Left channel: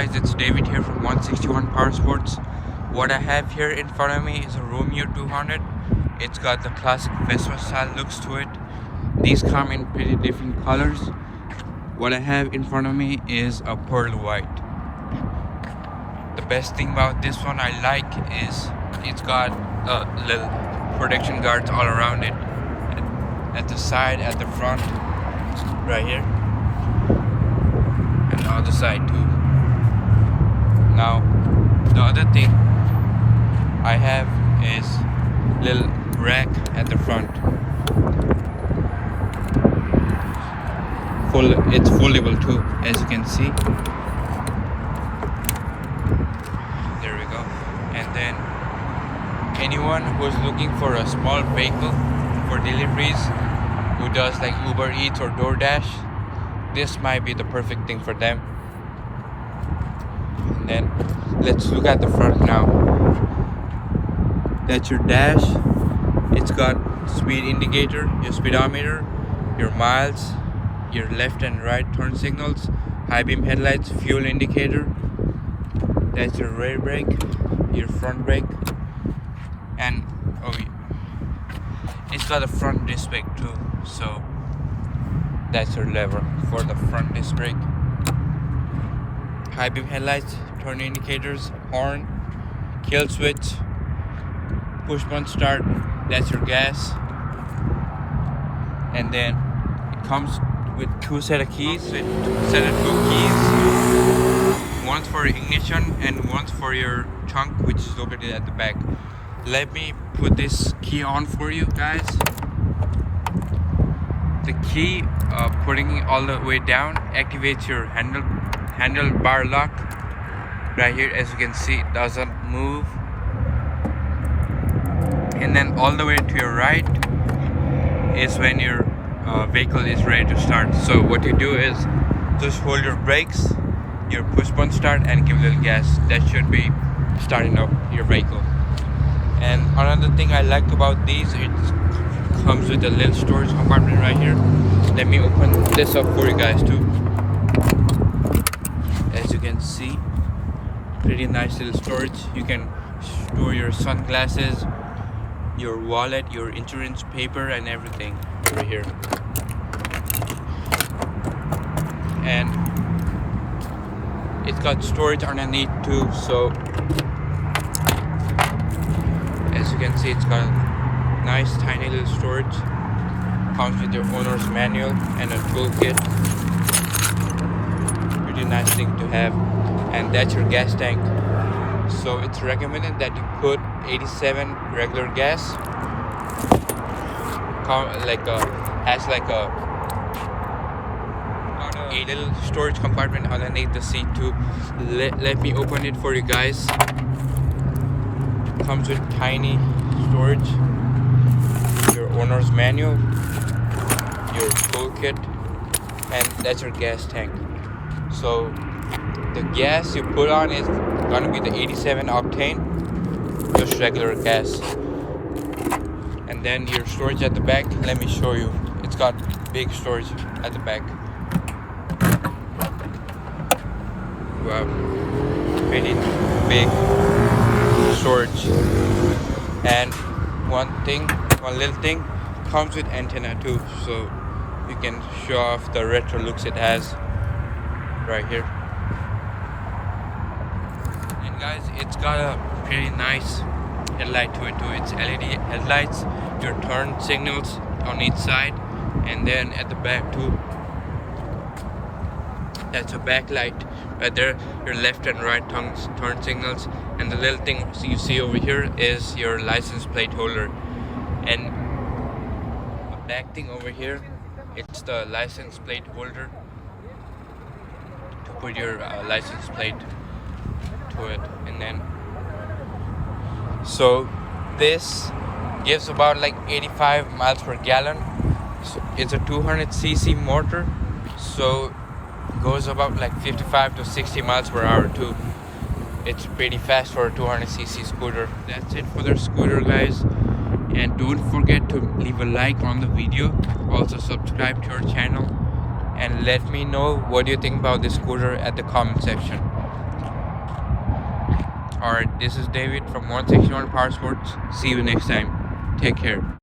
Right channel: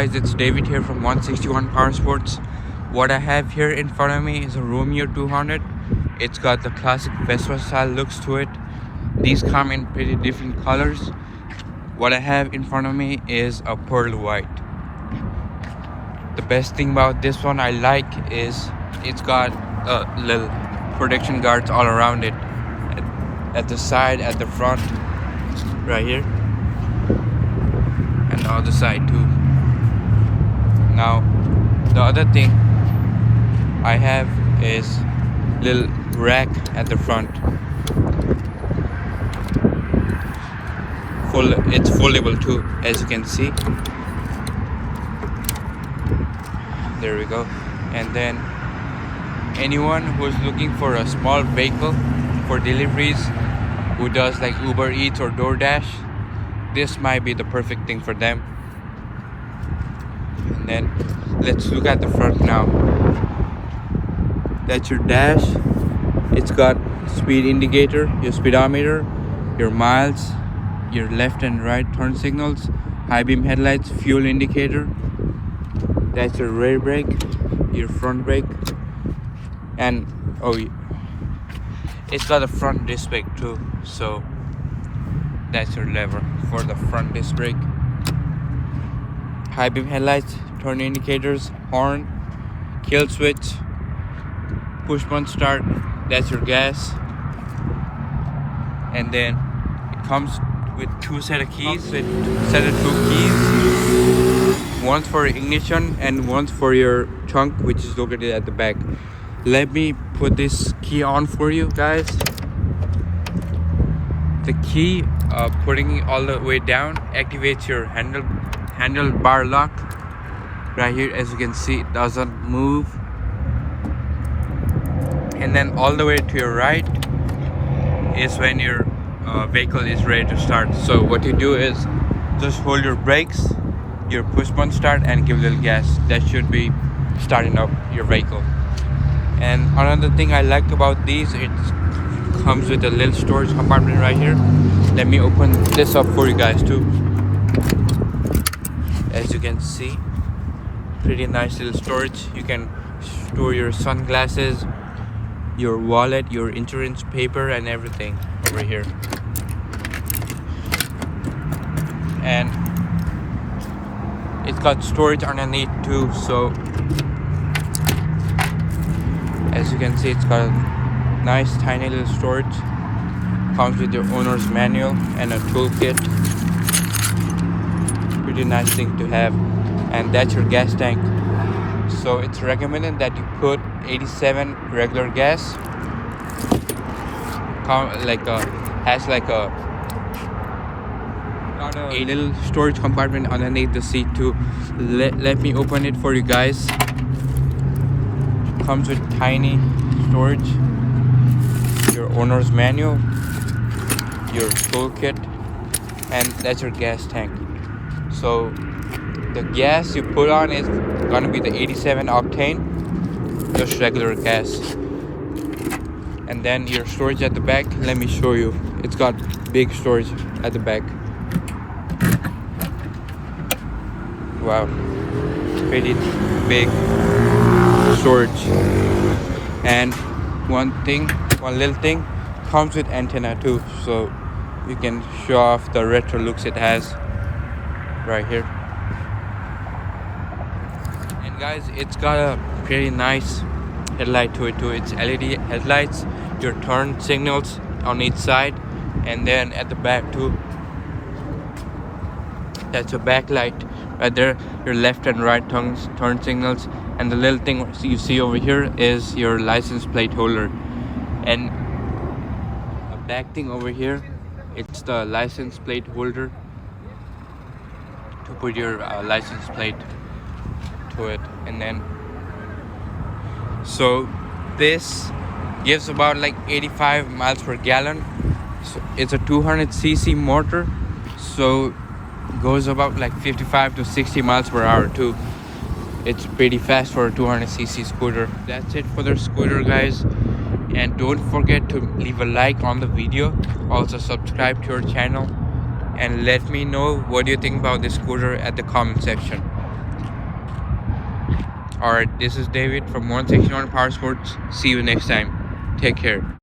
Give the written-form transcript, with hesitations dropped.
guys, it's David here from 161 Power Sports. What I have here in front of me is a Romeo 200. It's got the classic Vespa style looks to it. These come in pretty different colors. What I have in front of me is a pearl white. The best thing about this one I like is it's got little protection guards all around it. At the side, at the front, right here. And the other side too. Now, the other thing I have is little rack at the front. It's foldable too, as you can see. There we go. And then anyone who's looking for a small vehicle for deliveries, who does like Uber Eats or DoorDash, this might be the perfect thing for them. And then let's look at the front now. That's your dash. It's got speed indicator, your speedometer, your miles, your left and right turn signals, high beam headlights, fuel indicator. That's your rear brake, your front brake, and it's got a front disc brake too, so that's your lever for the front disc brake. High beam headlights, turn indicators, horn, kill switch, push button start, that's your gas. And then it comes with two set of keys, two keys. One for ignition and one for your trunk, which is located at the back. Let me put this key on for you guys. The key, putting it all the way down, activates your handlebar lock. Right here, as you can see, it doesn't move. And then all the way to your right is when your vehicle is ready to start. So what you do is just hold your brakes, your push button start, and give a little gas. That should be starting up your vehicle. And another thing I liked about these, it comes with a little storage compartment right here. Let me open this up for you guys too. As you can see, pretty nice little storage. You can store your sunglasses, your wallet, your insurance paper, and everything right here. And it's got storage underneath too, so as you can see, it's got a nice tiny little storage. Comes with your owner's manual and a toolkit. Pretty nice thing to have. And that's your gas tank. So it's recommended that you put 87 regular gas. Has like a little storage compartment underneath the seat too. Let me open it for you guys. Comes with tiny storage, your owner's manual, your toolkit, and that's your gas tank. So the gas you put on is gonna be the 87 octane, just regular gas. And then your storage at the back, let me show you. It's got big storage at the back. Wow, pretty big storage. And one little thing, comes with antenna too, so you can show off the retro looks it has right here. And guys, it's got a pretty nice headlight to it too. It's LED headlights, your turn signals on each side, and then at the back too, that's a backlight right there, your left and right turn signals. And the little thing you see over here is your license plate holder. And a back thing over here, it's the license plate holder to put your license plate to it. And then so this gives about like 85 miles per gallon. It's a 200cc motor, so goes about like 55 to 60 miles per hour too. It's pretty fast for a 200cc scooter. That's it for the scooter, guys. And don't forget to leave a like on the video. Also subscribe to our channel. And let me know what you think about this scooter at the comment section. Alright, this is David from 161 Power Sports. See you next time. Take care.